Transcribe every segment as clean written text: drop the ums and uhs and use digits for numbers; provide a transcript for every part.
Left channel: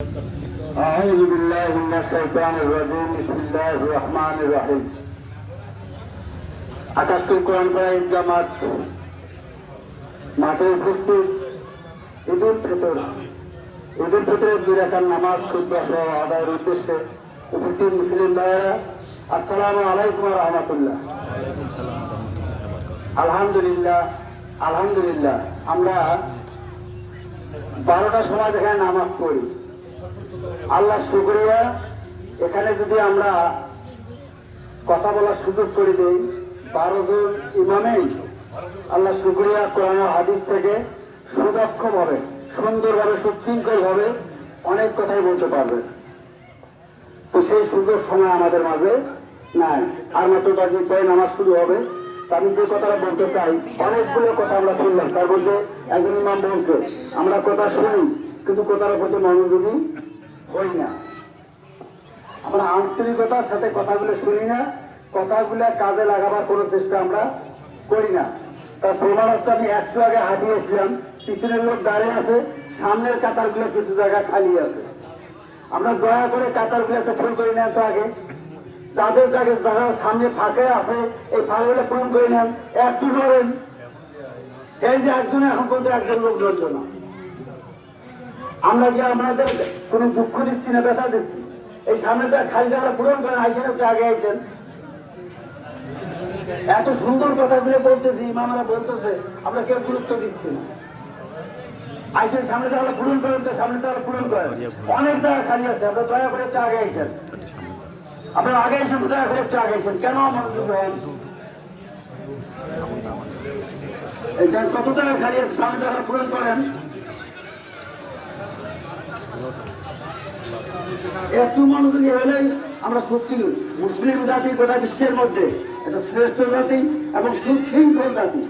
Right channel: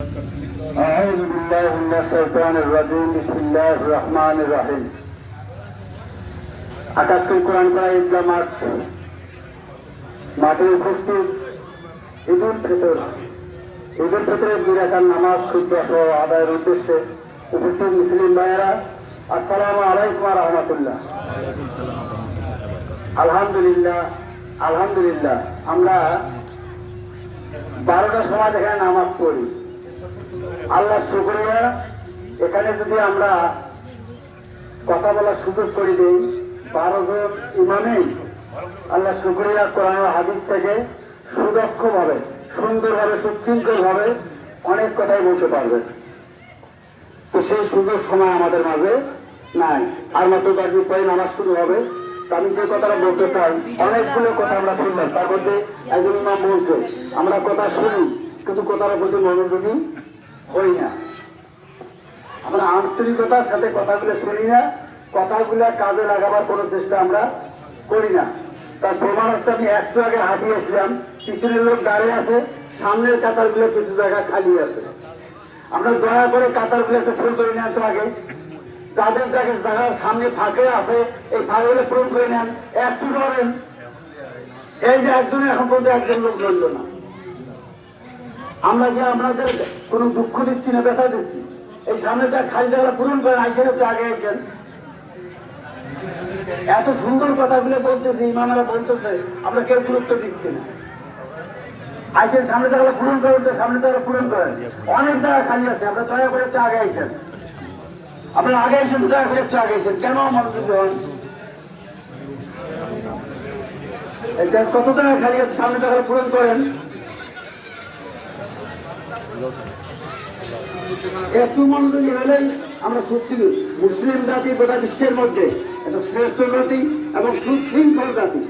أعوذ بالله من الشيطان الرجيم بسم الله الرحمن الرحيم আকাশকুল কোরআন পড়া ঈদগাহ মাঠে উপস্থিত ঈদুল ফিতরের 2 রাকাত নামাজ খুতবা সহ আদায়ের উদ্দেশ্যে উপস্থিত মুসলিম ভাইয়েরা, আসসালামু আলাইকুম ওয়া রাহমাতুল্লাহ। ওয়ালাইকুম সালাম ওয়া রাহমাতুল্লাহি ওয়া বারাকাতুহু। আলহামদুলিল্লাহ আমরা 12টার সময় এখানে নামাজ পড়ি। আল্লাহ শুকরিয়া, এখানে যদি আমরা কথা বলার সুযোগ করে দিই 12 জন ইমামেই আল্লাহ শুকরিয়া কোরআন ও হাদিস থেকে সুদক্ষভাবে সুন্দরভাবে সুশৃঙ্খলভাবে অনেক কথাই বলতে পারবে। তো সেই সুযোগ সময় আমাদের মাঝে নাই। আর মাত্র 10 মিনিট পরে নামাজ শুরু হবে। আমি যে কথাটা বলতে চাই, অনেকগুলো কথা আমরা শুনলাম, তার মধ্যে একজন ইমাম বলছে আমরা কথা শুনি কিন্তু কথাটা বলতে মনোযোগী হই না। আমরা আন্তরিকতার সাথে কথাগুলো শুনি না, কথাগুলো কাজে লাগাবার কোনো চেষ্টা আমরা করি না। তার প্রমাণার্থে আমি একটু আগে হাঁটিয়েছিলাম, পিছনের লোক দাঁড়িয়ে আছে, সামনের কাতারগুলো কিছু জায়গা খালি আছে। আমরা দয়া করে কাতারগুলো একটু ফুল করে নেন তো আগে, যাদের যারা সামনে ফাঁকে আছে এই ফাঁকগুলো পূরণ করে নেন, একটু ধরেন। এই যে একজন এখন পর্যন্ত একজন লোক লড়ল না। আমরা যে আপনাদের কোনো দুঃখ দিচ্ছি না, ব্যথা দিচ্ছি, এই সামনেটা খালি জায়গা পূরণ করেন, আইসেন একটু আগে আইসেন। এত সুন্দর কথাগুলো বলতেছি, ইমামেরা বলতেছে, আমরা কেউ গুরুত্ব দিচ্ছি না। আইসেন সামনে জায়গা পূরণ করেন, তো সামনে জায়গা পূরণ করেন। অনেক জায়গা খালি আছে, আমরা দয়া করে একটু আগে আইসেন। আপনারা আগে এসে দয়া করে একটু আগে এসেন, কেন মনোযোগী হন? কত জায়গা খালি আছে, সামনে জায়গায় পূরণ করেন। একটু মনোযোগী হলেই আমরা সত্যি মুসলিম জাতি গোটা বিশ্বের মধ্যে একটা শ্রেষ্ঠ জাতি এবং সুশৃঙ্খল জাতি।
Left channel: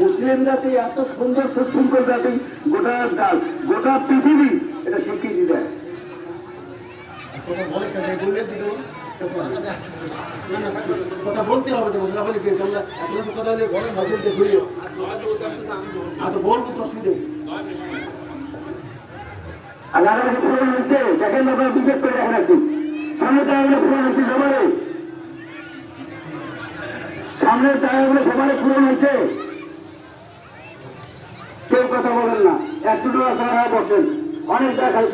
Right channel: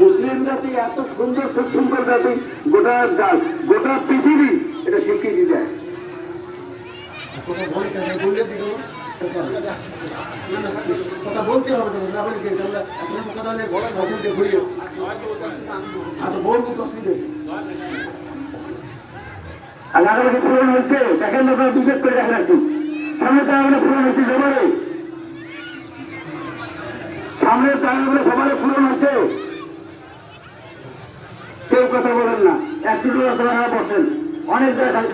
মুসলিম জাতি এত সুন্দর সুশৃঙ্খল জাতি, গোটা পৃথিবী এটা স্বীকৃতি দেয়। কথা বলতে হবে তো, কথা বলে কথা হলে বড় ভাষা দিয়ে ঘুরিয়ে বলবো তো অসুবিধা। আর আগামী পূরণ হয়েছে, দেখেন তো বিবেক করে দেখেন একটু, সামনে জায়গাগুলো পূরণ হয়েছে সবারে, সামনের জায়গাগুলো সবারে পূরণ হয়েছে। কেউ কথা বলেন না, একটু বসেন, অনেক জায়গায়